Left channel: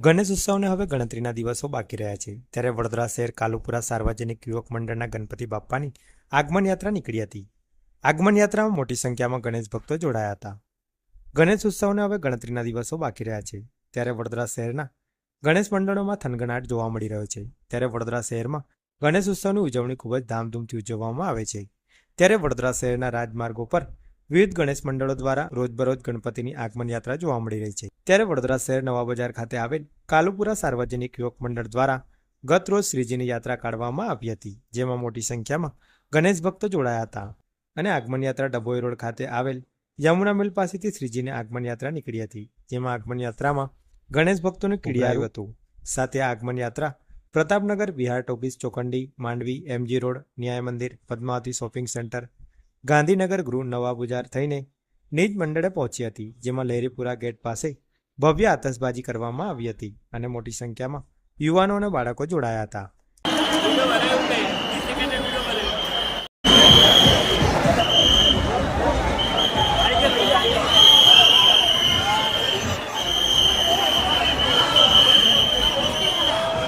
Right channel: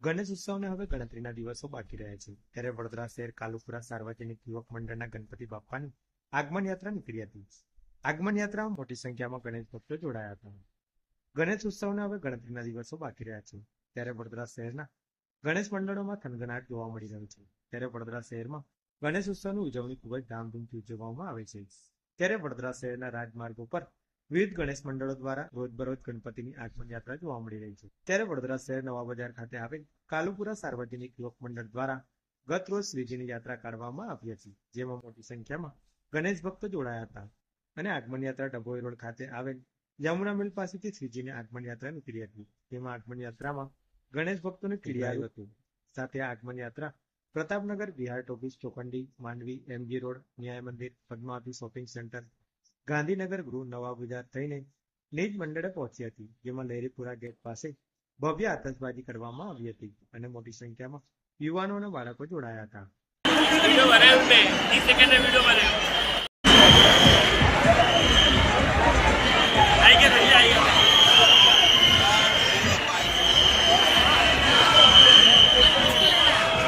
ગણેશ ઉત્સવને હવે ગણતરીના દિવસો બાકી રહ્યા છે. ત્યારે વડોદરા શહેર કાલુપુરા સાર્વજનિક યુવક મંડળના ગણપતિ બાપ્પાની આગમન યાત્રા નીકળી હતી. આગમન યાત્રામાં મોટી સંખ્યામાં ગણેશ ભક્તો જોડાયા હતા. ગણેશ ઉત્સવને હવે ગણતરીના દિવસો બાકી રહ્યા છે. ત્યારે વડોદરા શહેરના ગણેશ મંડળોમાં થનગનાટ જોવા મળી રહ્યો છે. ત્યારે વડોદરા શહેરમાં ગણેશ ઉત્સવની ઉજવણી ખૂબ જ ધામધૂમથી ઉજવવામાં આવે છે. ત્યારે વડોદરા શહેરના રાજમાર્ગો પર વિવિધ ગણેશ મંડળો દ્વારા રોજબરોજ ગણપતિની આગમન યાત્રા જોવા મળી રહી છે. ત્યારે વડોદરા શહેર નવા બજાર ખાતે આવેલ કાલુપુરા સાર્વજનિક યુવક મંડળ દ્વારા ગત રોજ શ્રીજીની યાત્રા કાઢવામાં આવી હતી જેમાં મોટી સંખ્યામાં ગણેશ ભક્તો જોડાયા હતા. અને આગમન યાત્રા ડભોઈ રોડ ખાતે આવેલ યમુના મિલ પાસેથી શ્રીજીની આગમન યાત્રા નીકળી હતી જેમાં આગમન યાત્રામાં ગણેશ ભક્તોને કીડી આવ્યું હતું. સાથે આગમન યાત્રા પ્રતાપનગર બિહાર ટોપીસ ચોકંડી Mandvi MG road Nyay Mandir Padmavati shopping centre Gandhinagar ગૃહ નવા બજાર થઈને નિજ મંડળે પહોંચી હતી, જેમાં લહેરીપુરા ગેટ પાસે ભવ્ય આતશબાજી કરવામાં આવી હતી અને મોટી સંખ્યામાં યુવાનો અને બાળકો જોડાયા હતા.